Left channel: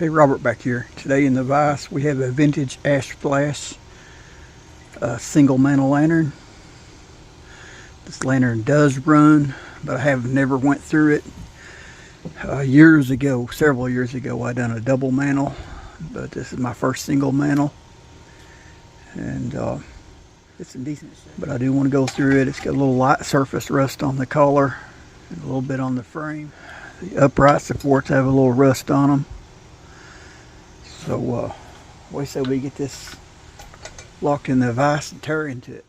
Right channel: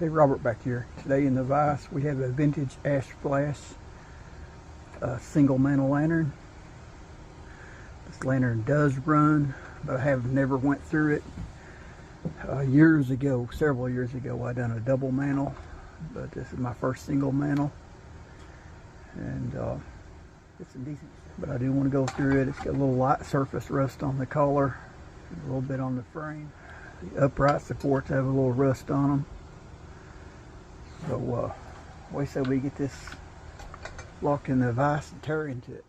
Okay, Robert back here. Today in the vise we have a vintage ash flash single mantle lantern. This lantern does run, but I have never went through it. Years ago, several years ago, I done a double mantle, but this is my first single mantle, and it's in decent shape. But I do want to go through it. It's got a little light surface rust on the collar, and a little bit on the frame. The upright supports have a little rust on them. So we say we get this locked in the vise and tear into it.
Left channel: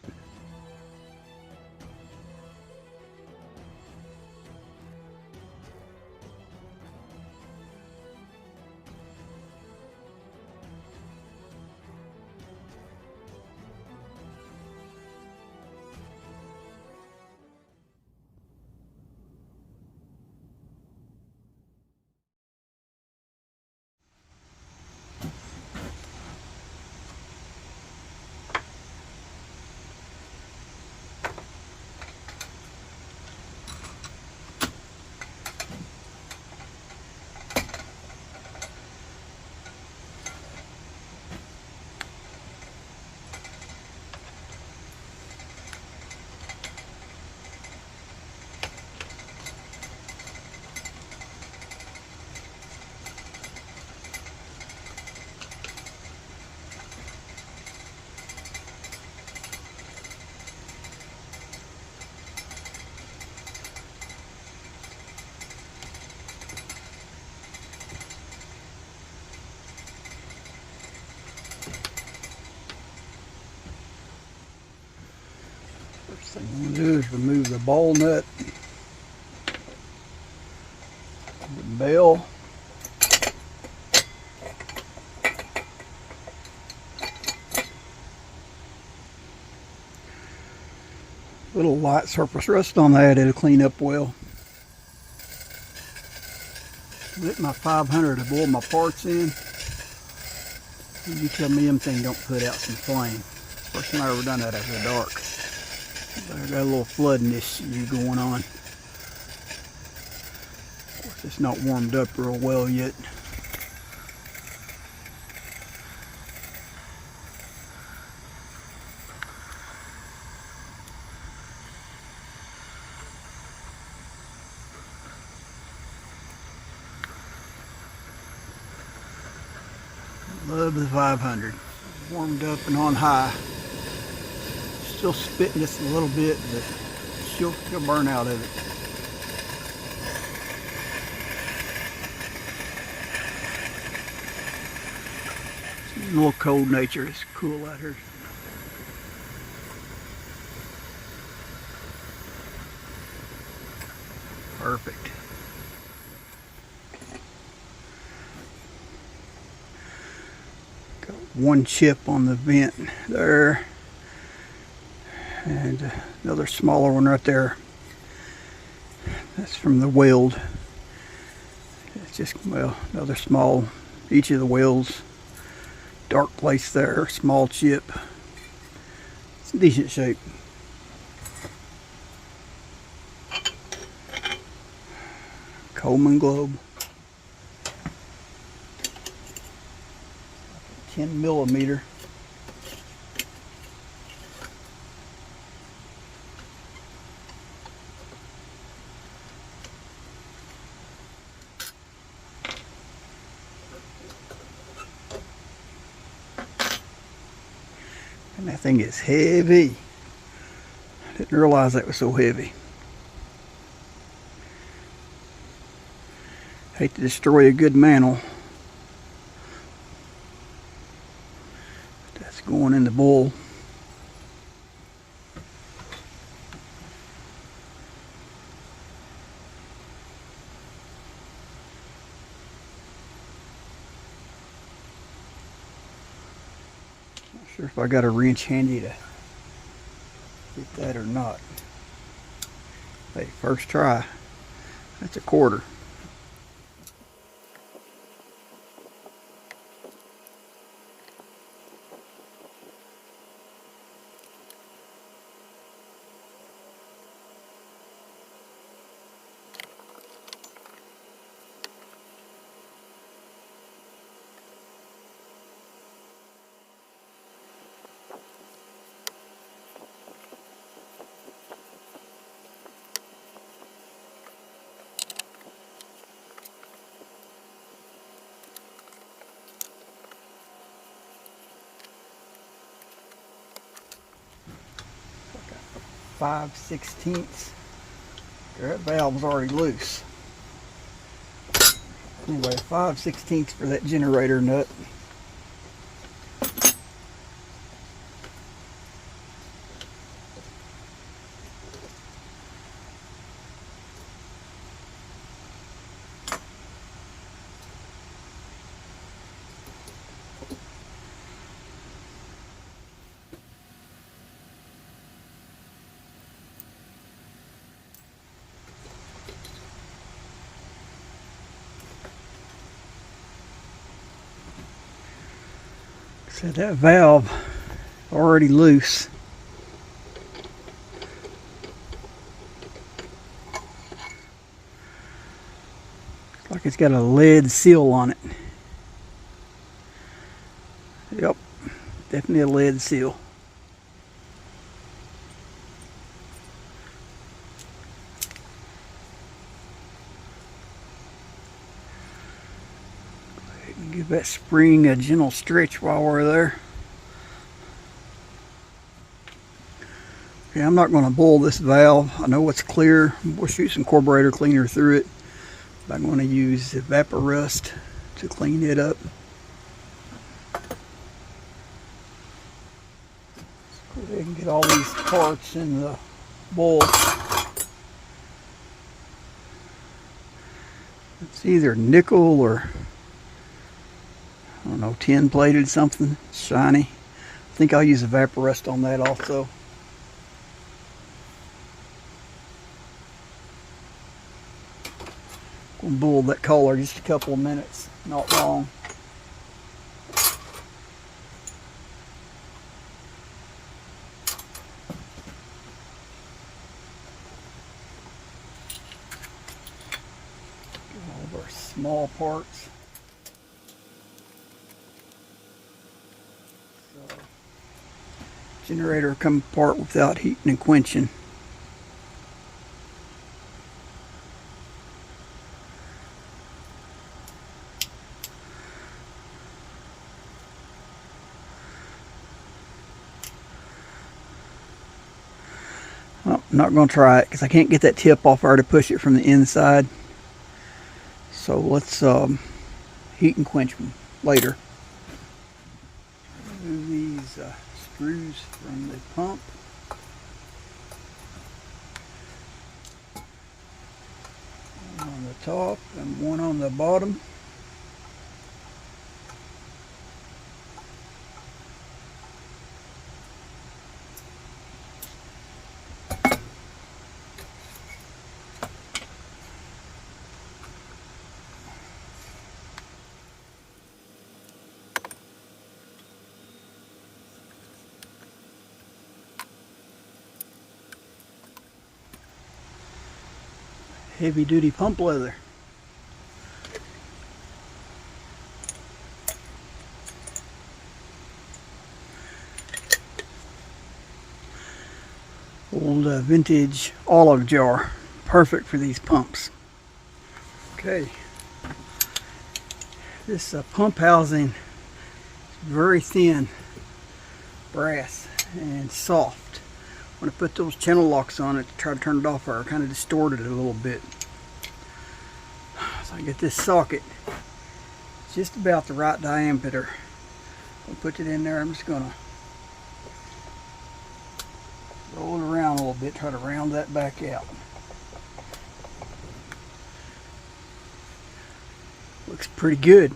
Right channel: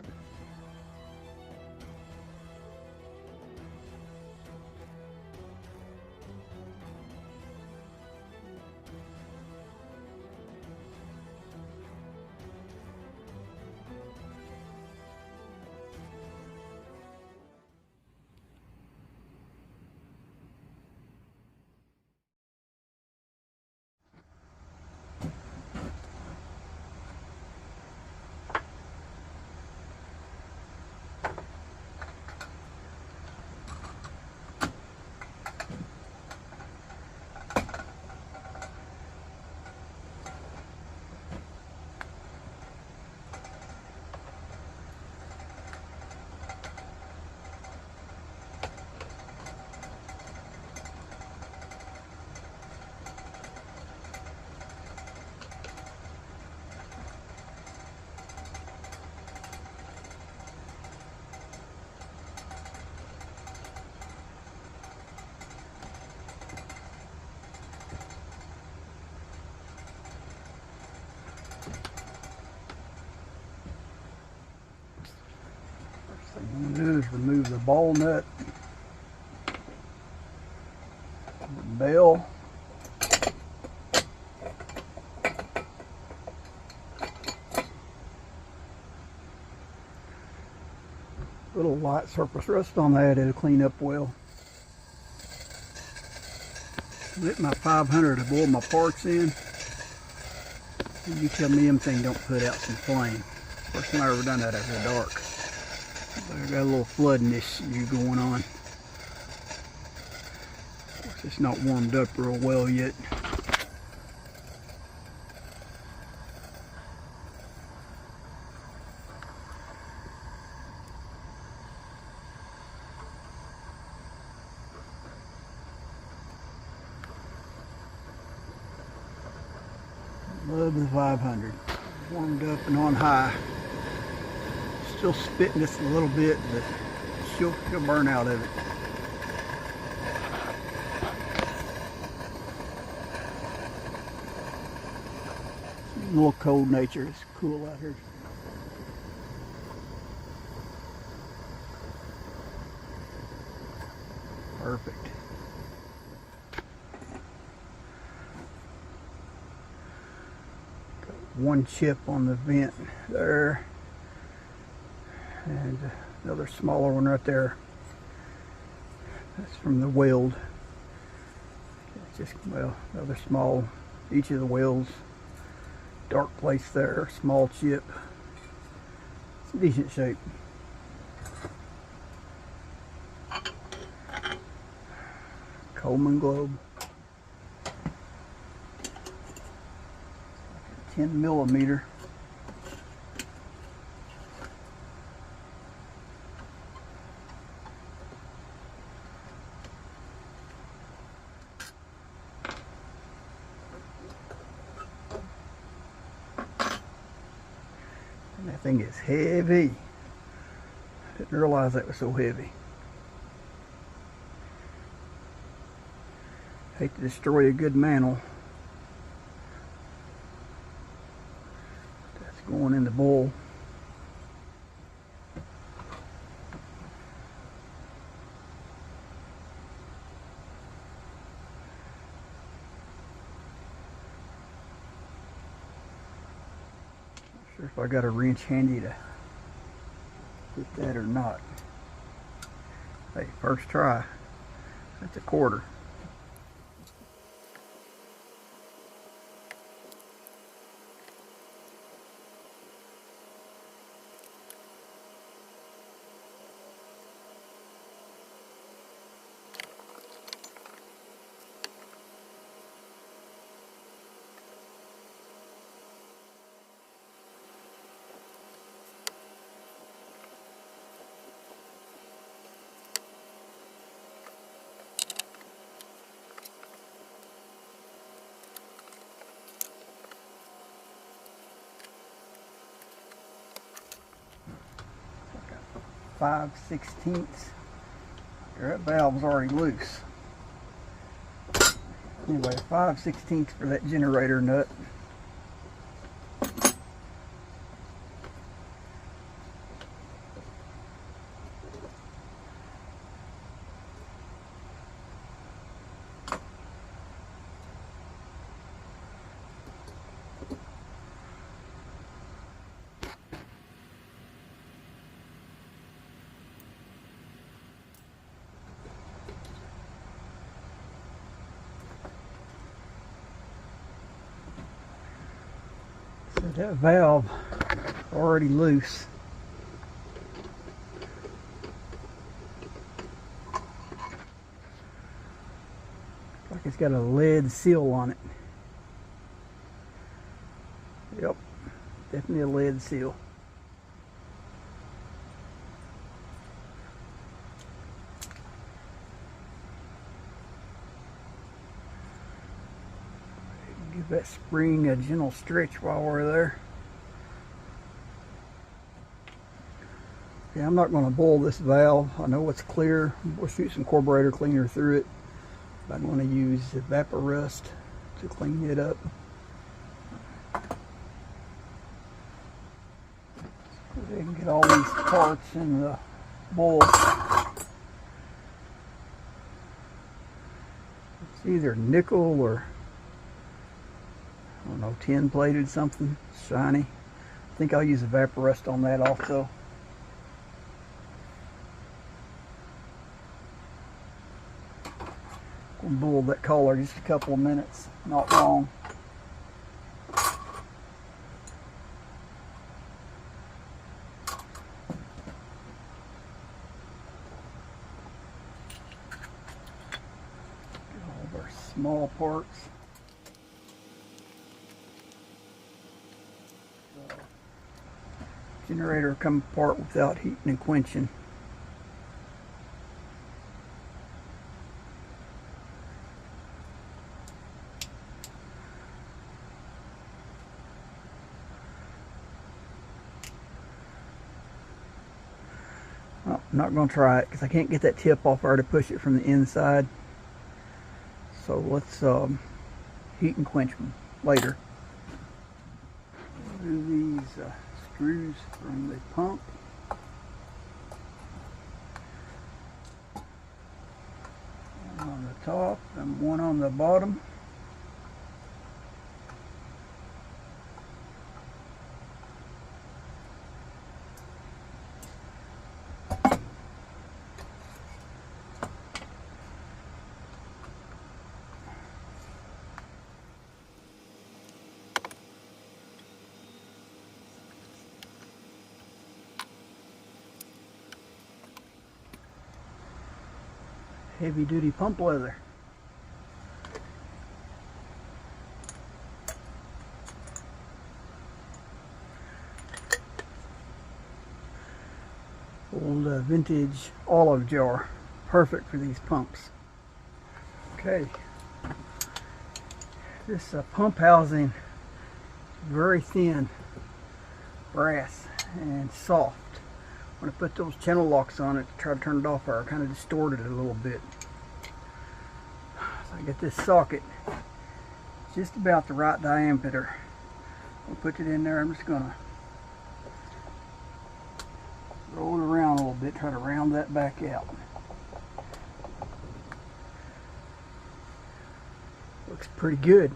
First thing I'm going to do is remove the ball nut, the bell, little light surface rust on that. It'll clean up well. Lit my 500 to boil my parts in. And you tell me them things don't put out some flame. First time I ever done that after dark. But I got a little flooding issue going on. Of course, it's not warmed up real well yet. Love the 500. Warmed up and on high. Still spitting just a little bit, but she'll burn out of it. A little cold nature. It's cool out here. Perfect. Got one chip on the vent there. And another smaller one right there. That's from the weld. It's just, well, another small, each of the welds. Dark place there, small chip. It's in decent shape. Coleman globe. 10 millimeter. And that thing is heavy. Didn't realize that was so heavy. Hate to destroy a good mantle. That's going in the bowl. Not sure if I got a wrench handy to get that or not. Hey, first try. That's a quarter. 5/16. That valve's already loose. Anyway, 5/16 for that generator nut. So that valve already loose. Looks like it's got a lead seal on it. Yep, definitely a lead seal. Give that spring a gentle stretch while we're there. Okay, I'm not going to boil this valve. I know it's clear. We'll shoot some carburetor cleaner through it. But I'm going to use Evaporust to clean it up. So they can get all these parts in the bowl. It's either nickel or, I don't know, tin plated something, shiny. I think I'll use Evaporust on that also. We'll boil that color just a couple of minutes, not long. Get all of our small parts. Generator come apart without heating and quenching. Oh, I'm not going to try it because I can't get that tip off there to push it from the inside. So let's heat and quench them later. Remove these screws from the pump. One on the top and one on the bottom. Heavy duty pump leather. Old vintage olive jar, perfect for these pumps. Okay, this pump housing is very thin brass and soft. When I put those channel locks on it to try to turn it off, I kind of distorted it a little bit. So I get this socket just about the right diameter. I'll put it in there. I'm just going to roll it around a little bit, try to round that back out. Looks pretty good.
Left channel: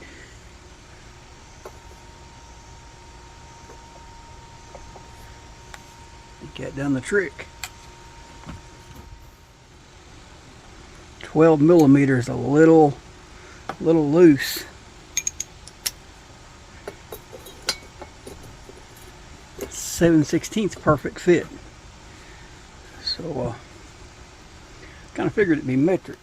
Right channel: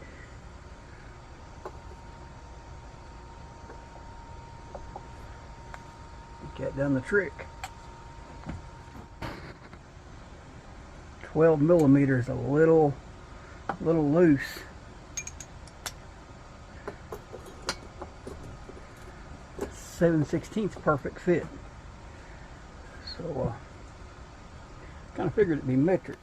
Get done the trick. 12 millimeters, a little loose. (7/16) perfect fit. So kind of figured it'd be metric.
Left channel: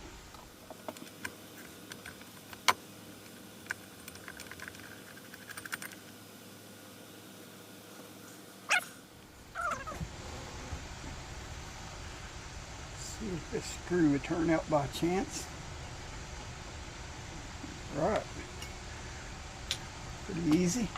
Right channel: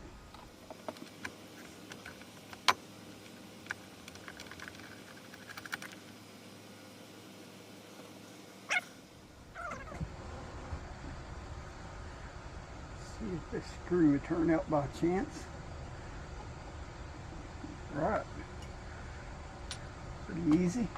See if this screw would turn out by chance. Right. Pretty easy.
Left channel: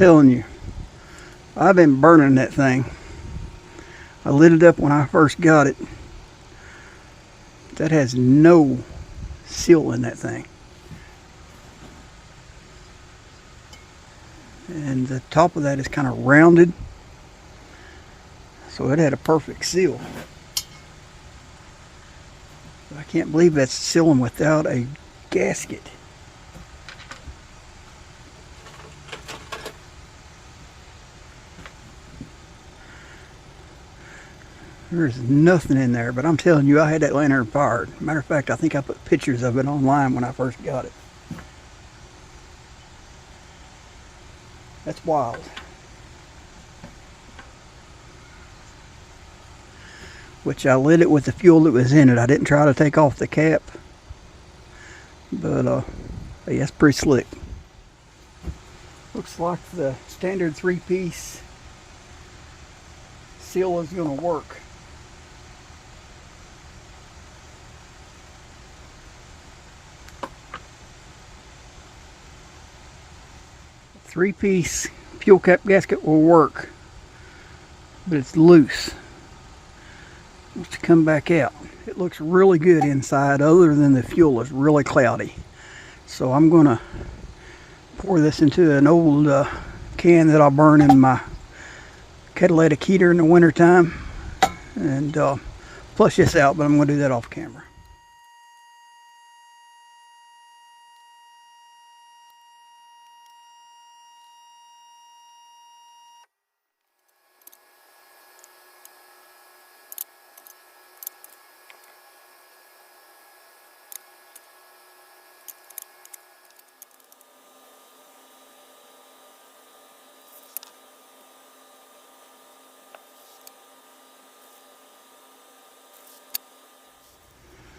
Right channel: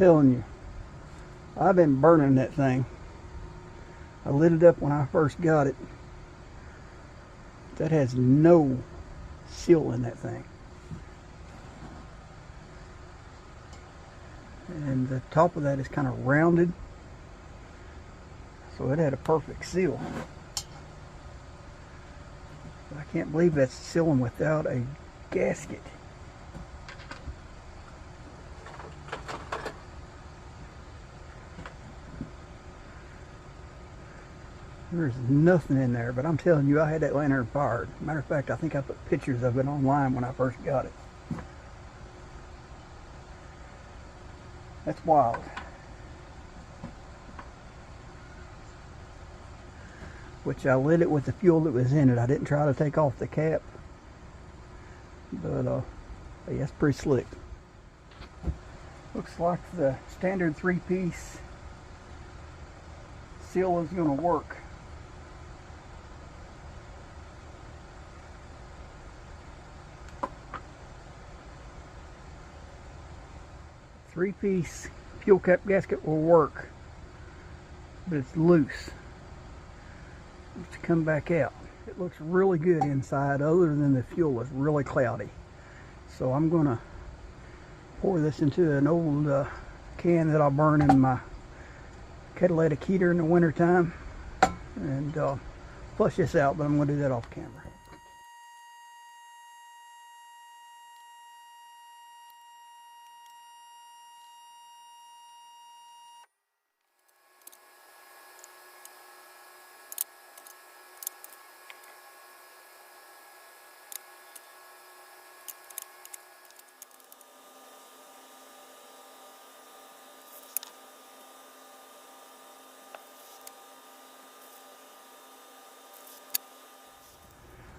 telling you, I've been burning that thing. I lit it up when I first got it. That has no seal in that thing. And the top of that is kind of rounded, so it had a perfect seal. But I can't believe that's sealing without a gasket. There's nothing in there, but I'm telling you, I had that lantern fired. Matter of fact, I think I put pictures of it online when I first got it. That's wild. Which I lit it with the fuel that was in it. I didn't try to take off the cap. But yeah, that's pretty slick. Looks like the standard 3-piece seal is going to work. Three-piece fuel cap gasket will work, but it's loose. Wants to come back out. It looks really good inside, other than the fuel is really cloudy. So I'm going to pour this into an old can that I'll burn in my catalytic heater in the wintertime, and flush this out, but I'm going to do that off camera.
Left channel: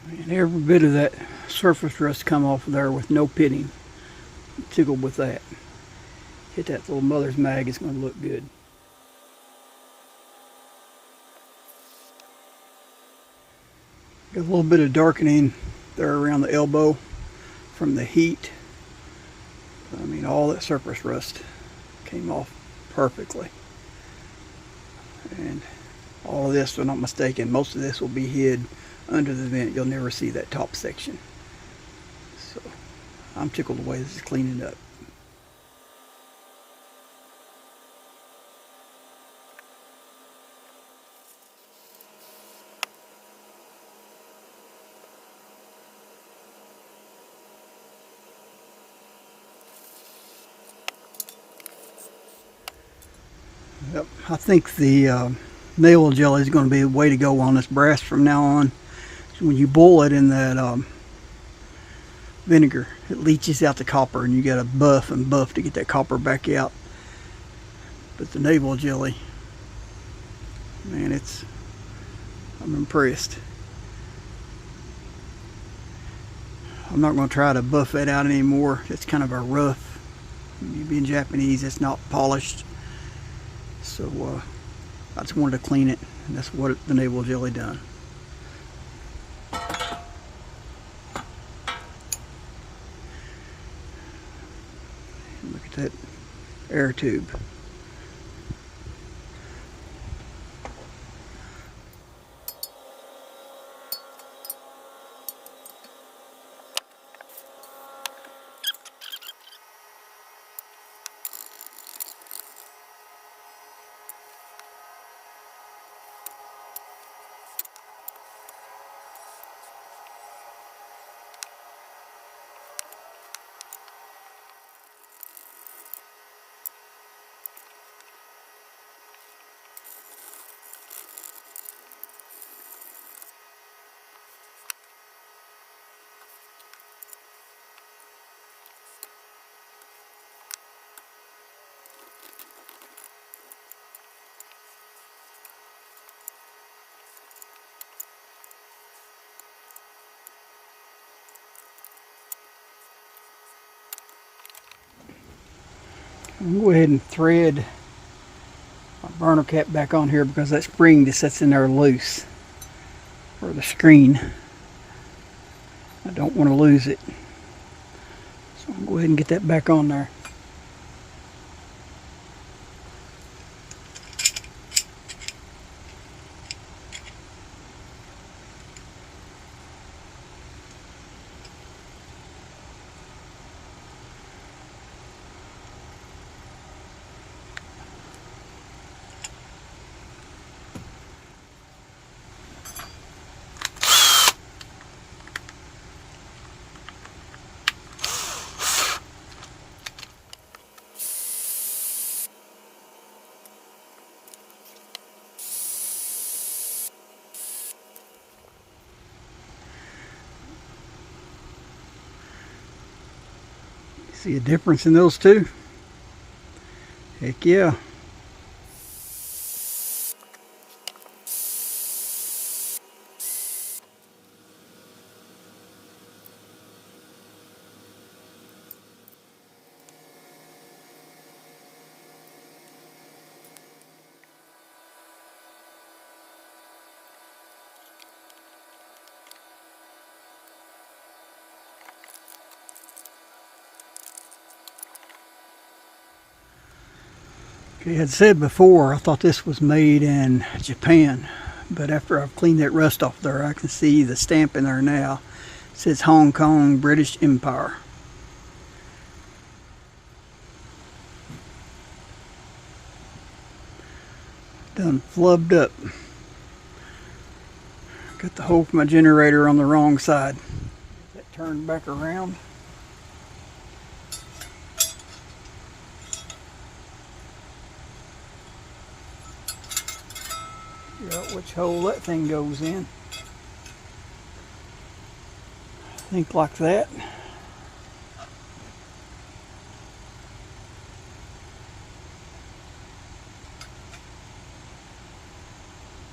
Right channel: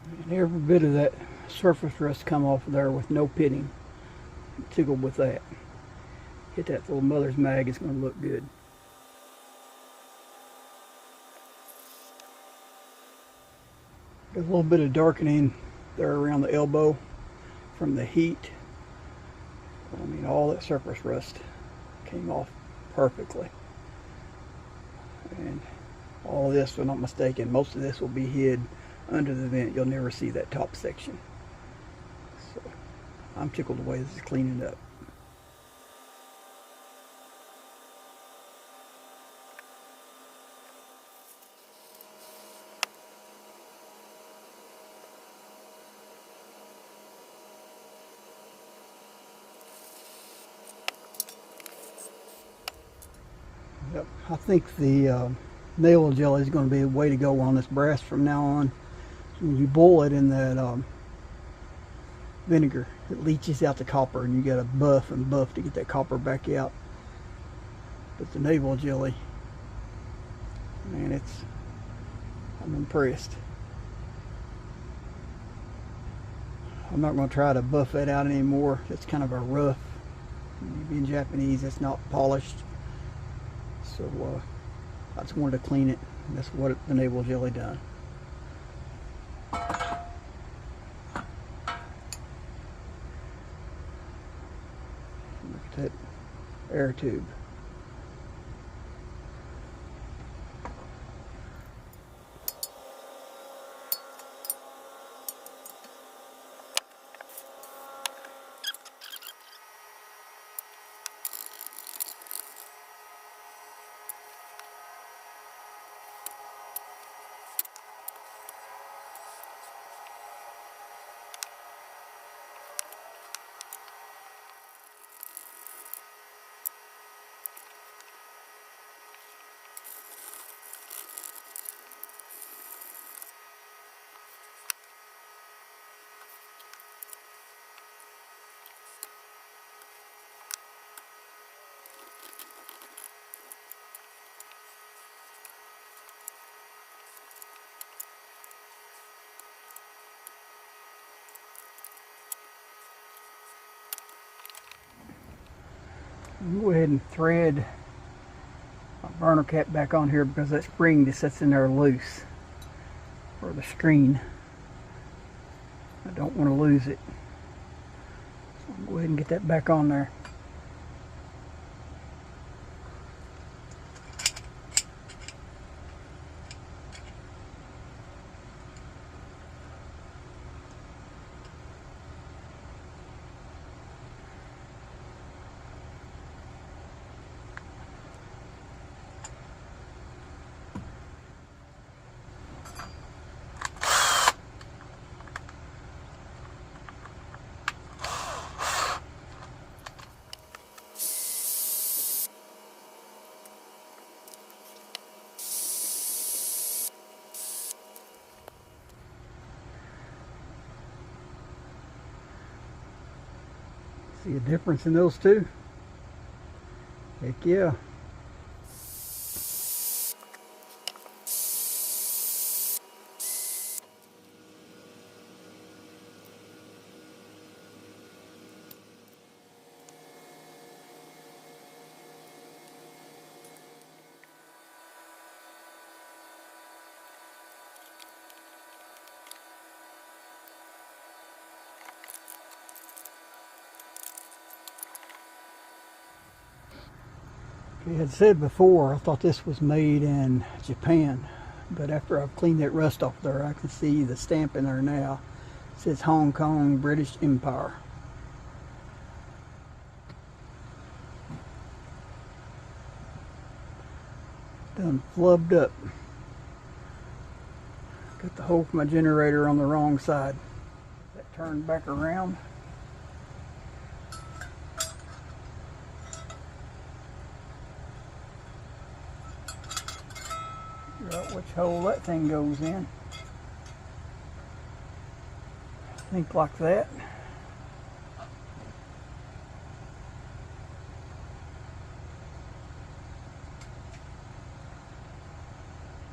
And every bit of that surface rust come off of there with no pitting. I'm tickled with that. Hit that little mother's mag, it's going to look good. Got a little bit of darkening there around the elbow from the heat. I mean, all that surface rust came off perfectly. And all of this, if I'm not mistaken, most of this will be hid under the vent. You'll never see that top section. So I'm tickled the way this is cleaning up. Yep, I think the nail jelly is going to be the way to go on this brass from now on. So when you boil it in that vinegar, it leaches out the copper, and you got to buff and buff to get that copper back out. But the navel jelly, man, I'm impressed. I'm not going to try to buff that out anymore. It's kind of a rough, being Japanese, it's not polished. So I just wanted to clean it, and that's what the navel jelly done. Look at that air tube. I'm going to go ahead and thread my burner cap back on here, because that spring just sits in there loose for the screen. I don't want to lose it. So I'm going to go ahead and get that back on there. See a difference in those two? Heck yeah. Okay, I had said before I thought this was made in Japan, but after I've cleaned that rust off there, I can see the stamp in there now. It says Hong Kong, British Empire. Done flubbed up. Got the hole for my generator on the wrong side. That turned back around. Figure out which hole that thing goes in. I think like that.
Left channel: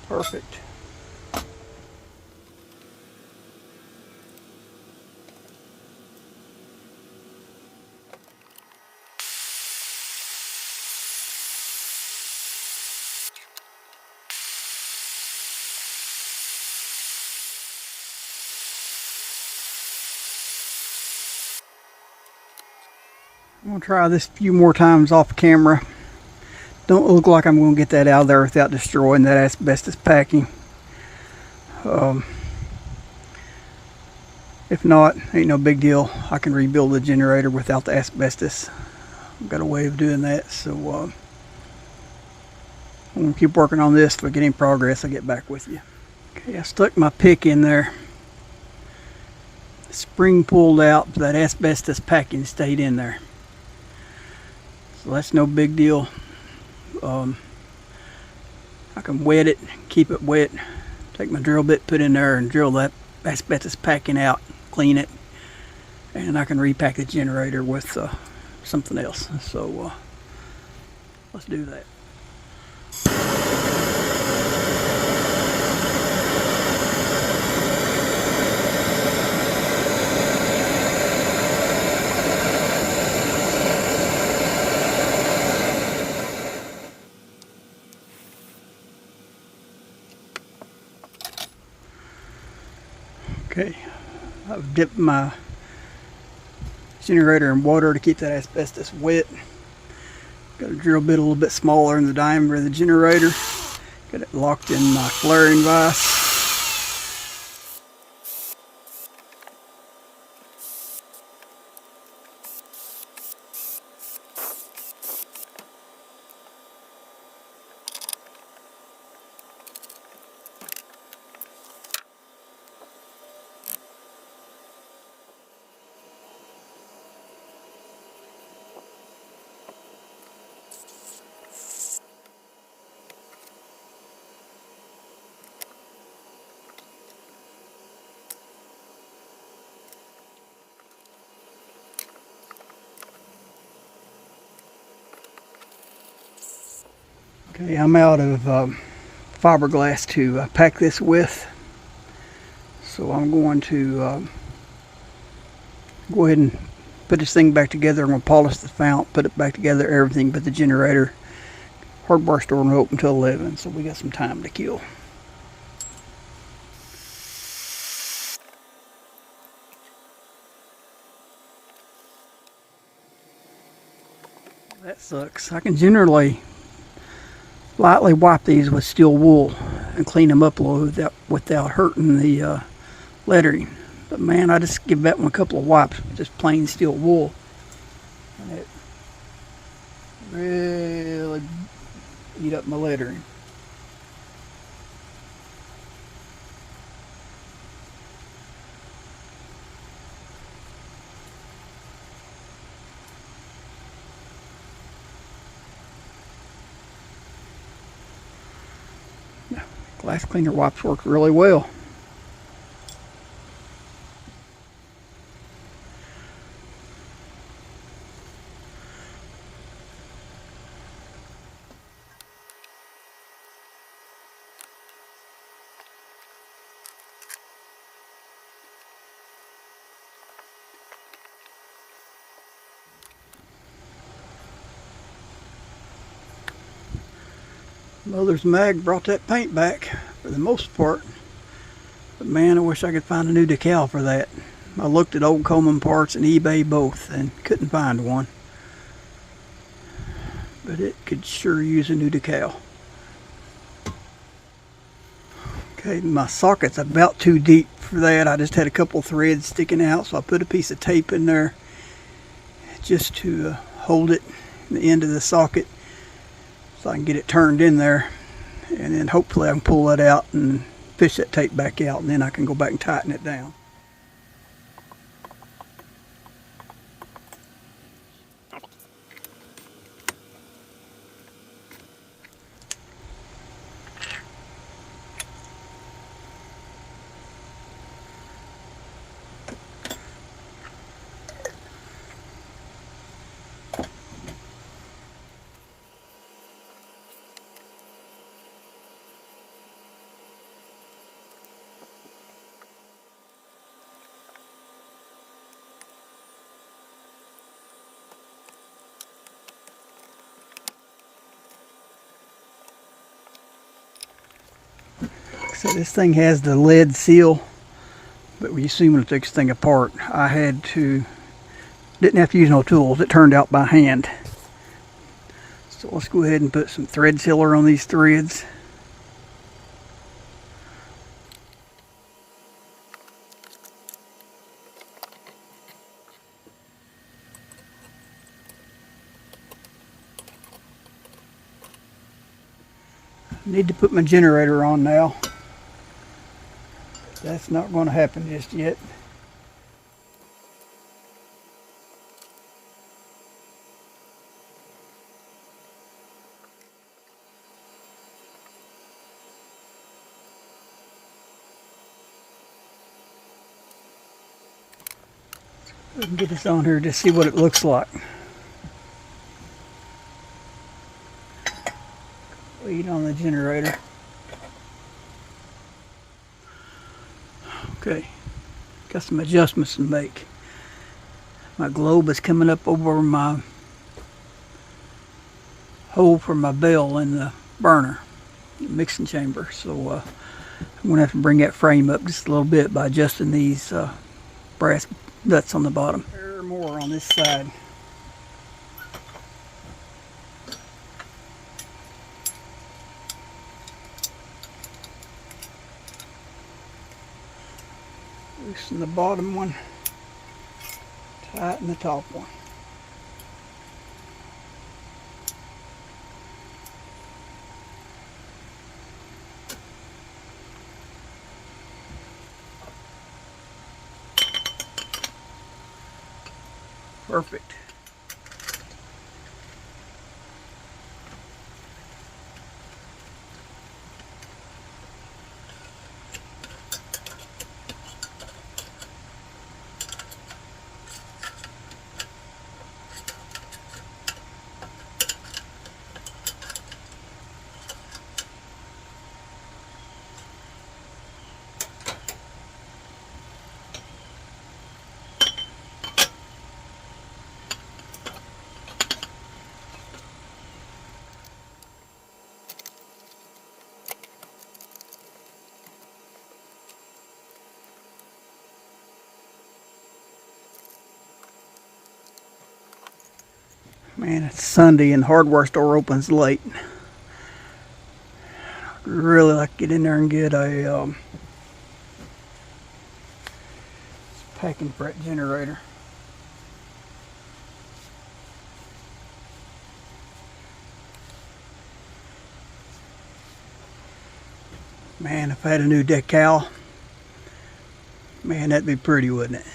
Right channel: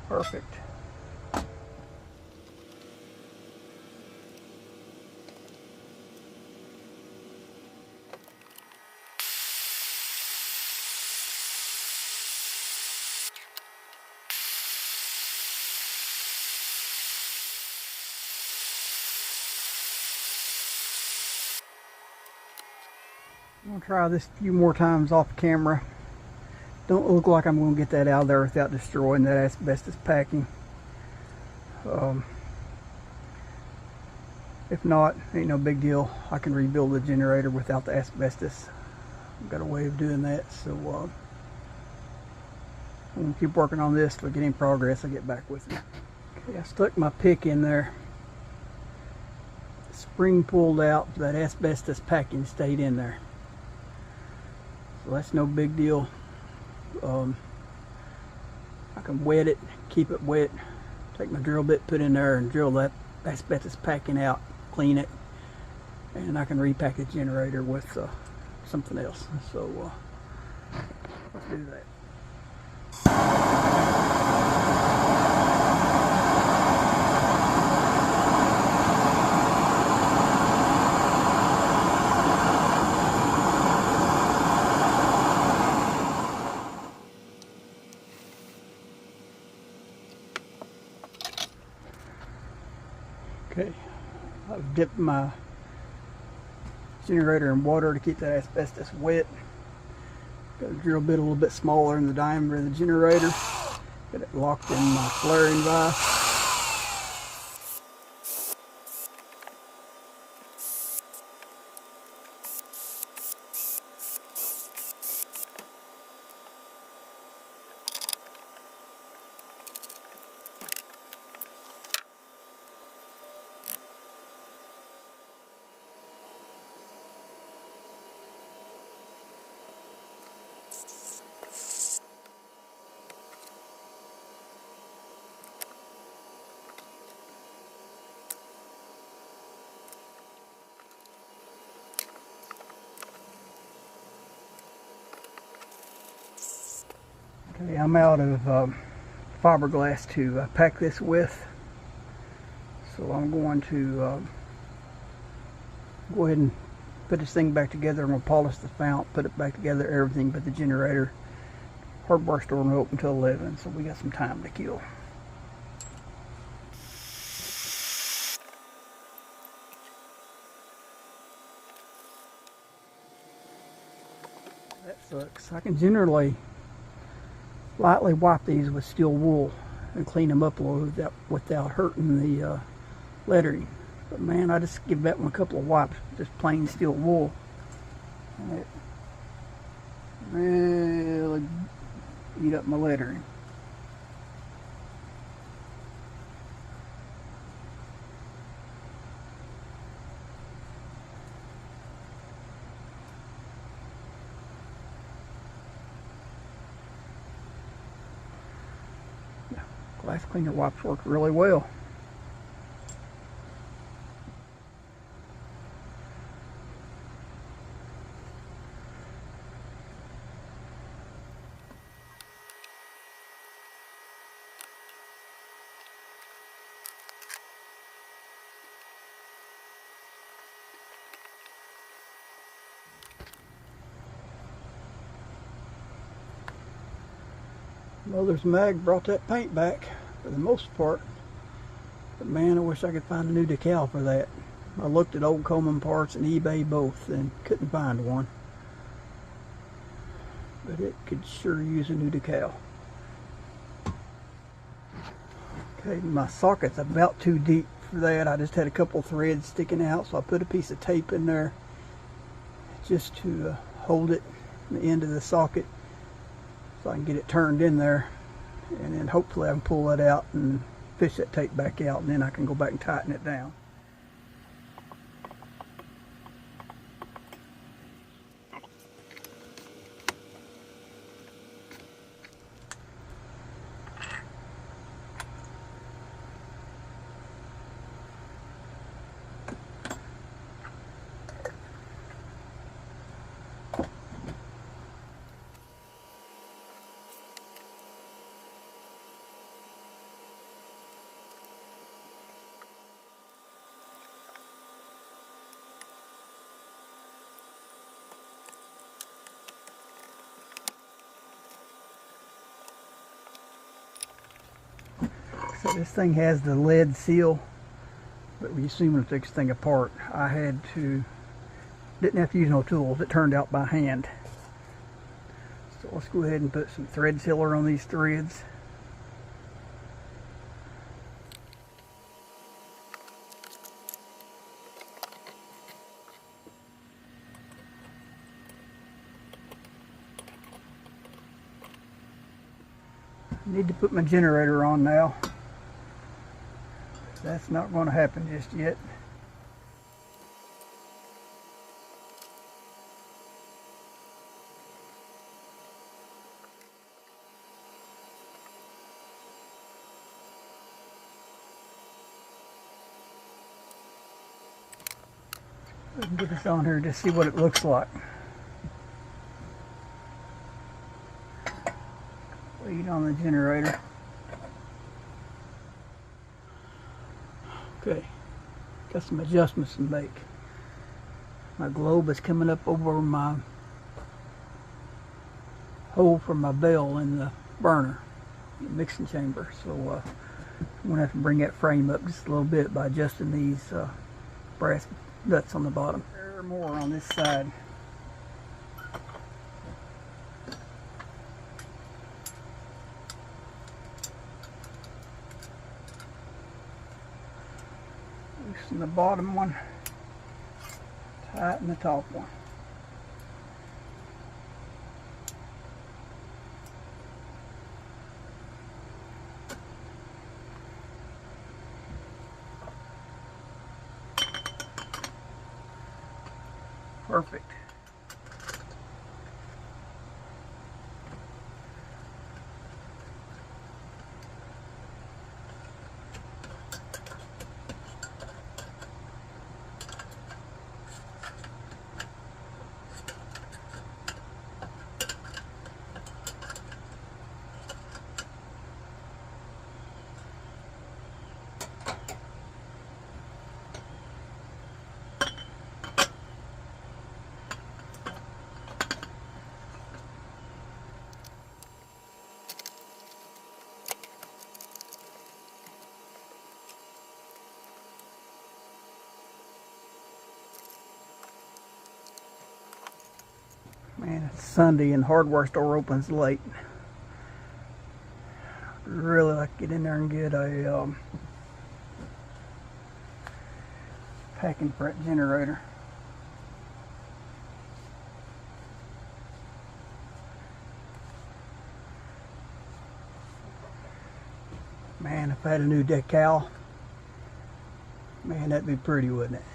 Perfect. I'm going to try this a few more times off camera. Don't look like I'm going to get that out of there without destroying that asbestos packing. If not, ain't no big deal. I can rebuild the generator without the asbestos. I've got a way of doing that, so I'm going to keep working on this. If I get any progress, I'll get back with you. Okay, I stuck my pick in there. The spring pulled out, but that asbestos packing stayed in there. So that's no big deal. I can wet it, keep it wet, take my drill bit, put in there and drill that asbestos packing out, clean it, and I can repack the generator with something else. So let's do that. Okay, I've dipped my generator in water to keep that asbestos wet. Got a drill bit a little bit smaller in the diameter of the generator. Got it locked in my flaring vise. Okay, I'm out of fiberglass to pack this with, so I'm going to go ahead and put this thing back together. I'm going to polish the fount, put it back together, everything but the generator. Hardware store won't open until 11, so we got some time to kill. That sucks. I can generally lightly wipe these with steel wool and clean them up a little without hurting the lettering. But man, I just give that one a couple of wipes with just plain steel wool. And it really eat up my lettering. Glass cleaner wipes work really well. Mother's mag brought that paint back for the most part. But man, I wish I could find a new decal for that. I looked at old Coleman parts and eBay both and couldn't find one. But it could sure use a new decal. Okay, my socket's about too deep for that. I just had a couple threads sticking out, so I put a piece of tape in there just to hold it, the end of the socket, so I can get it turned in there, and then hopefully I can pull that out and fish that tape back out, and then I can go back and tighten it down. So this thing has the lead seal, but when you see when it takes this thing apart, didn't have to use no tools. It turned out by hand. So let's go ahead and put some thread sealer on these threads. I need to put my generator on now. That's not going to happen just yet. We can get this on here to see what it looks like. Lead on the generator. Okay, got some adjustments to make. My globe is coming up over my hole for my bell in the burner, the mixing chamber. So I'm gonna have to bring that frame up just a little bit by adjusting these brass nuts on the bottom. There are more on this side. Loosen the bottom one, tighten the top one. Perfect. Man, it's Sunday and the hardware store opens late. I'd really like to get in there and get a packing fret generator. Man, if I had a new decal, man, that'd be pretty, wouldn't it?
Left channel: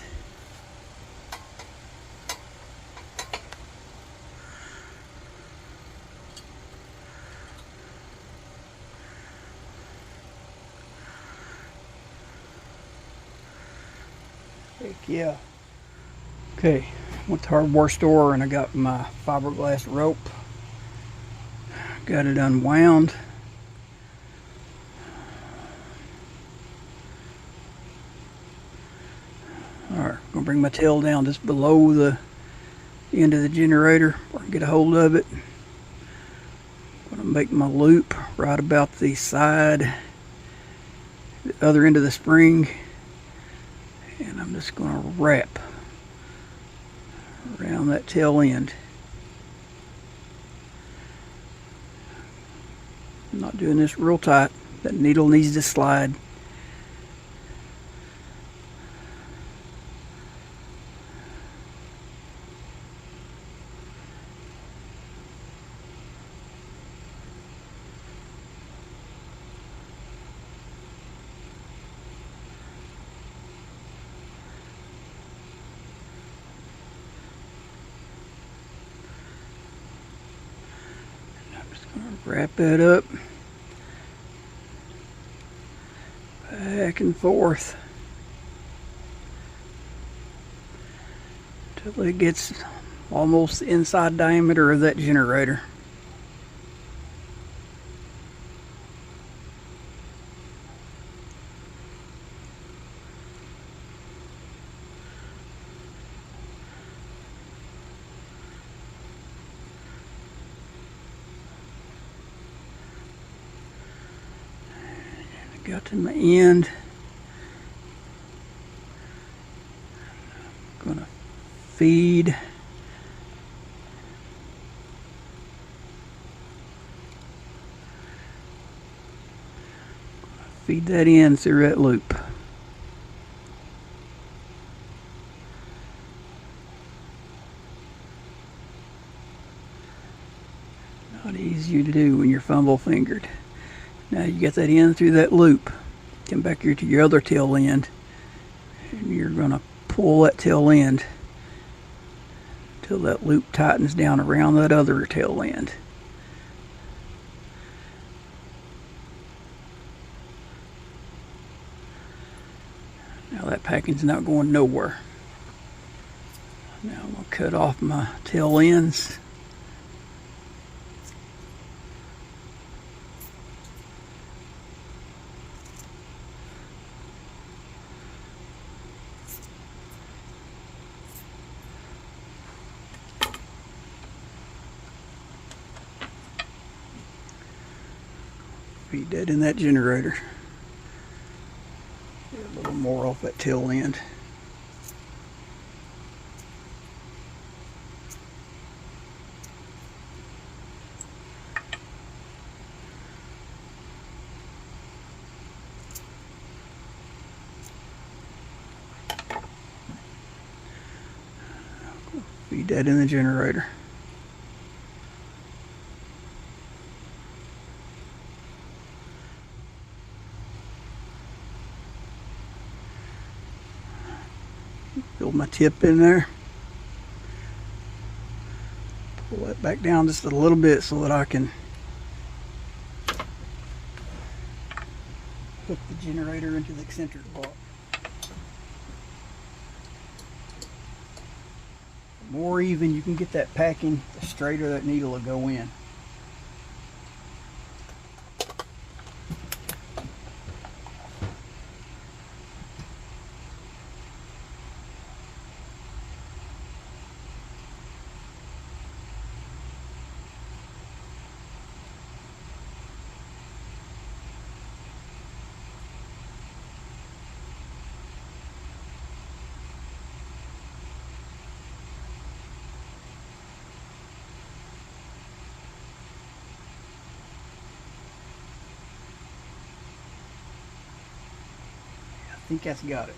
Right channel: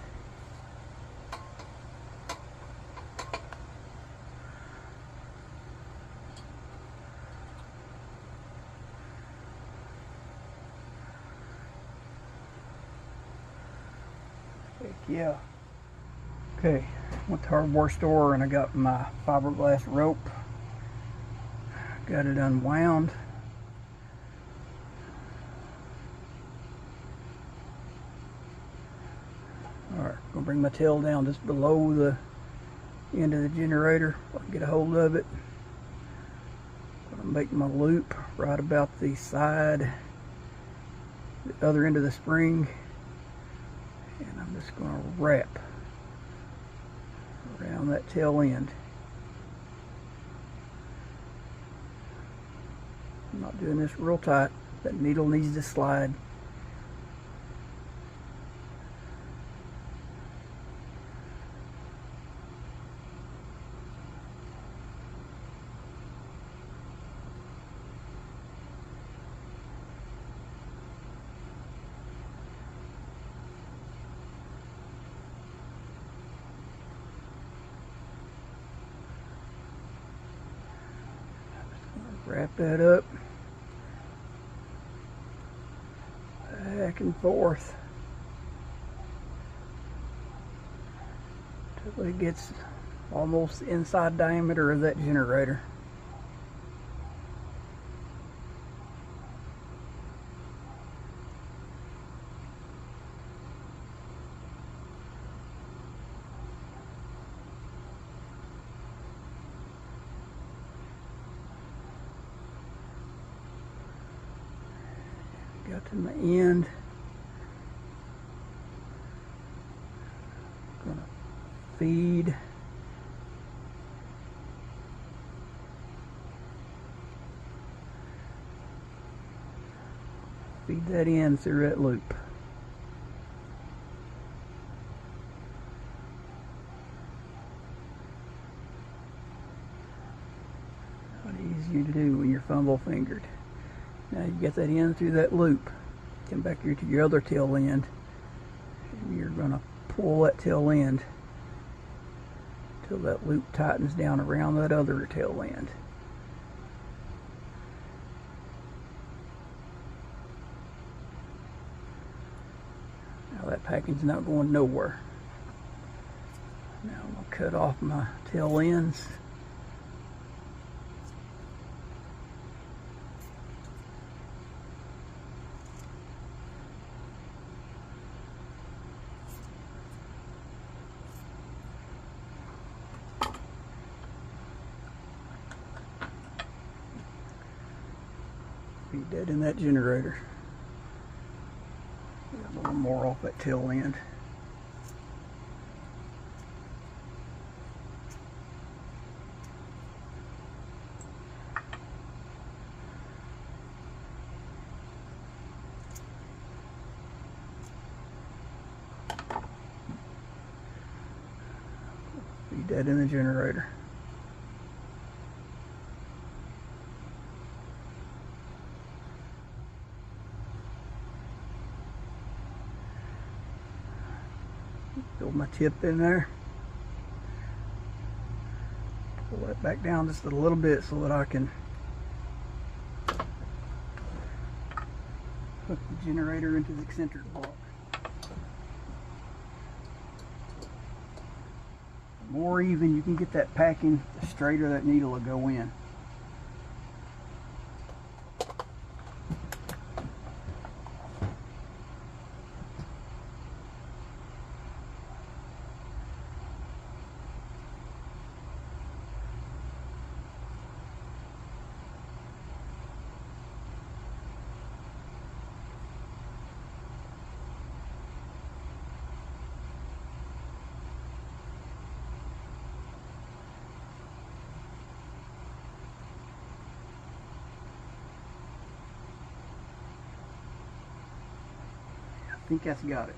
Heck yeah. Okay, went to the hardware store and I got my fiberglass rope. Got it unwound. Alright, I'm gonna bring my tail down just below the end of the generator where I can get a hold of it. Put make my loop right about the side, the other end of the spring, and I'm just going to wrap around that tail end. I'm not doing this real tight. That needle needs to slide. Wrap that up, back and forth until it gets almost the inside diameter of that generator. Got to my end. I'm gonna feed that in through that loop. Not easy to do when you're fumble fingered. Now you get that in through that loop. Come back here to your other tail end, and you're going to pull that tail end until that loop tightens down around that other tail end. Now that packing's not going nowhere. Now I'm going to cut off my tail ends. Feed that in that generator. Get a little more off that tail end. Feed that in the generator. Build my tip in there. Pull that back down just a little bit so that I can hook the generator into the eccentric block. The more even you can get that packing, the straighter that needle will go in. I think that's got it.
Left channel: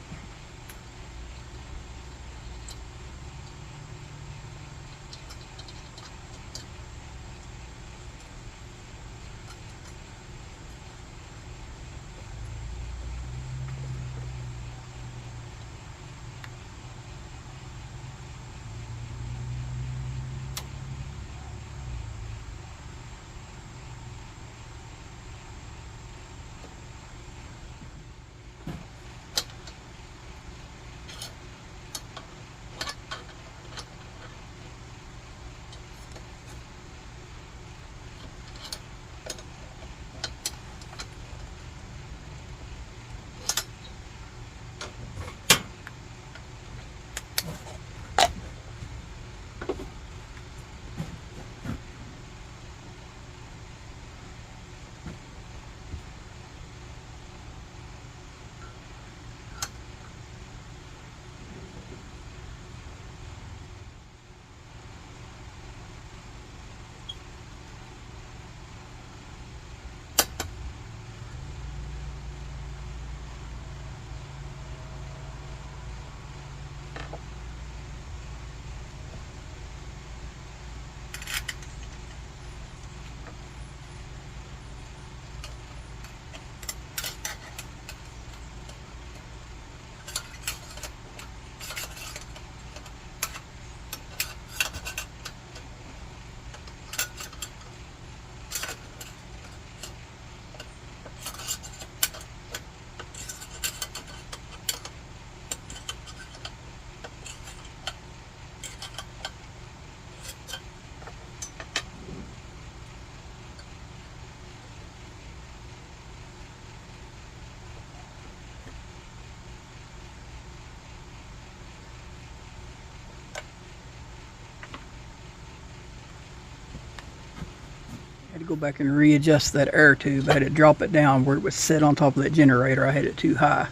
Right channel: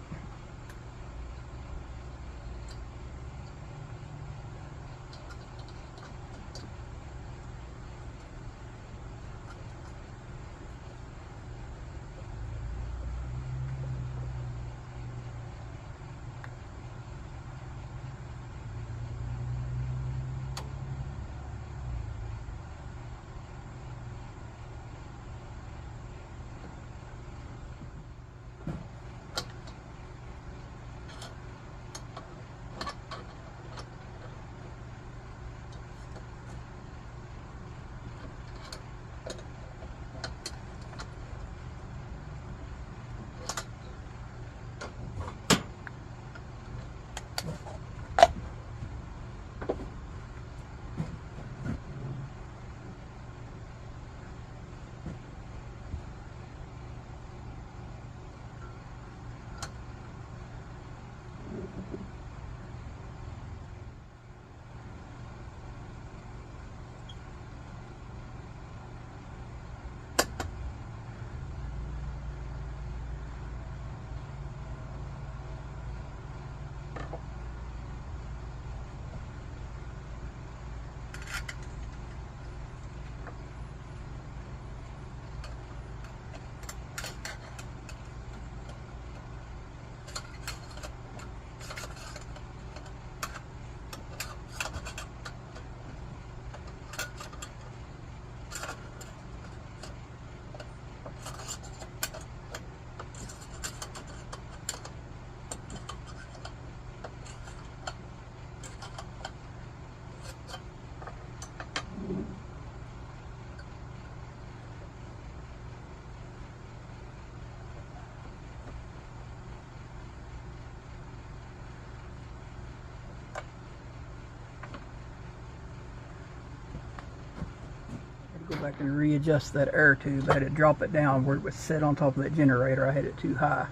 Go back and readjust that air tube. I had to drop it down where it was set on top of that generator. I had it too high.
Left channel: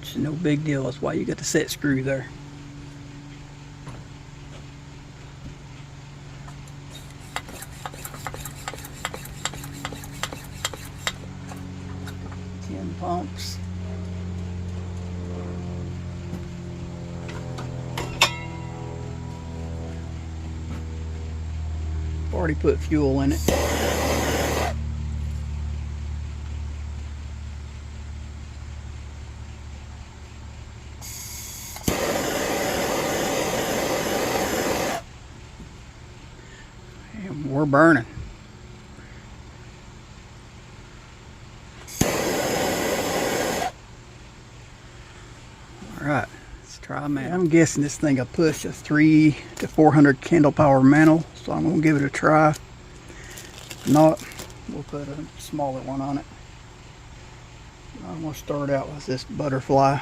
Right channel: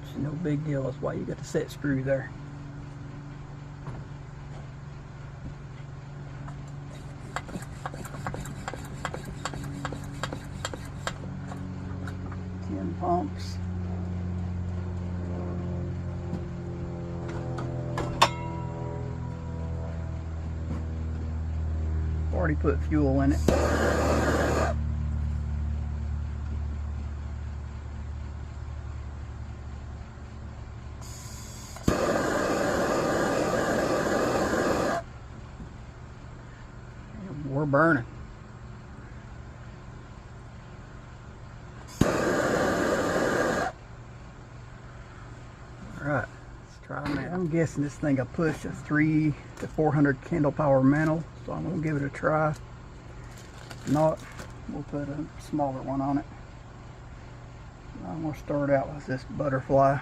Which is no big deal. That's why you got the set screw there. Pumps. Already put fuel in it. And we're burning. Alright, let's try that. I'm guessing this thing will push a 300 to 400 candle power mantle, so I'm going to give it a try. If not, we'll put a smaller one on it. I'm going to start out with this butterfly.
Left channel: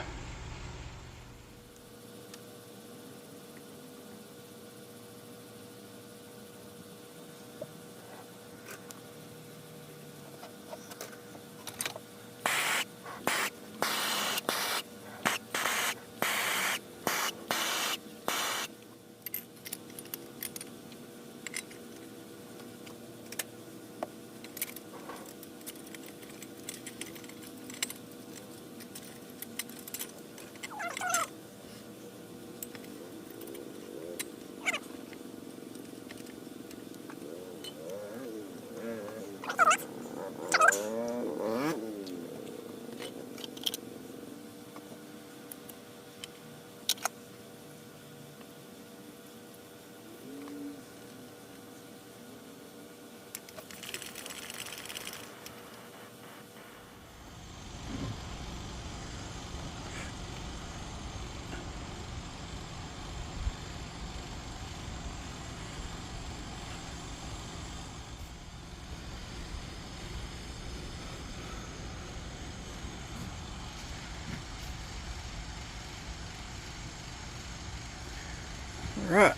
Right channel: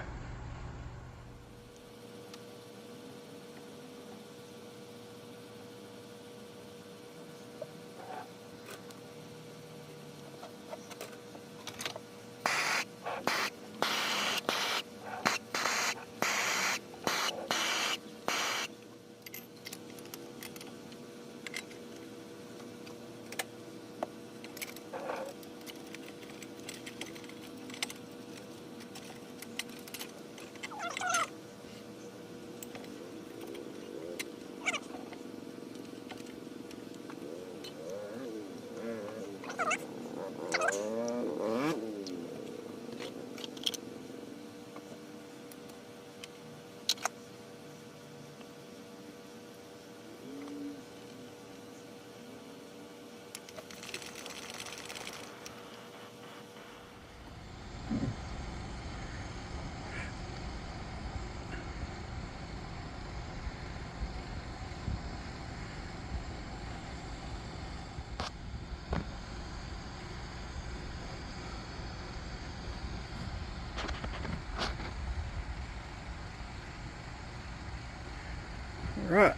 Alright,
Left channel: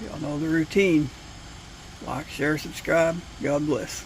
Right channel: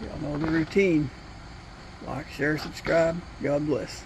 y'all know the routine. Like, share, subscribe. God bless.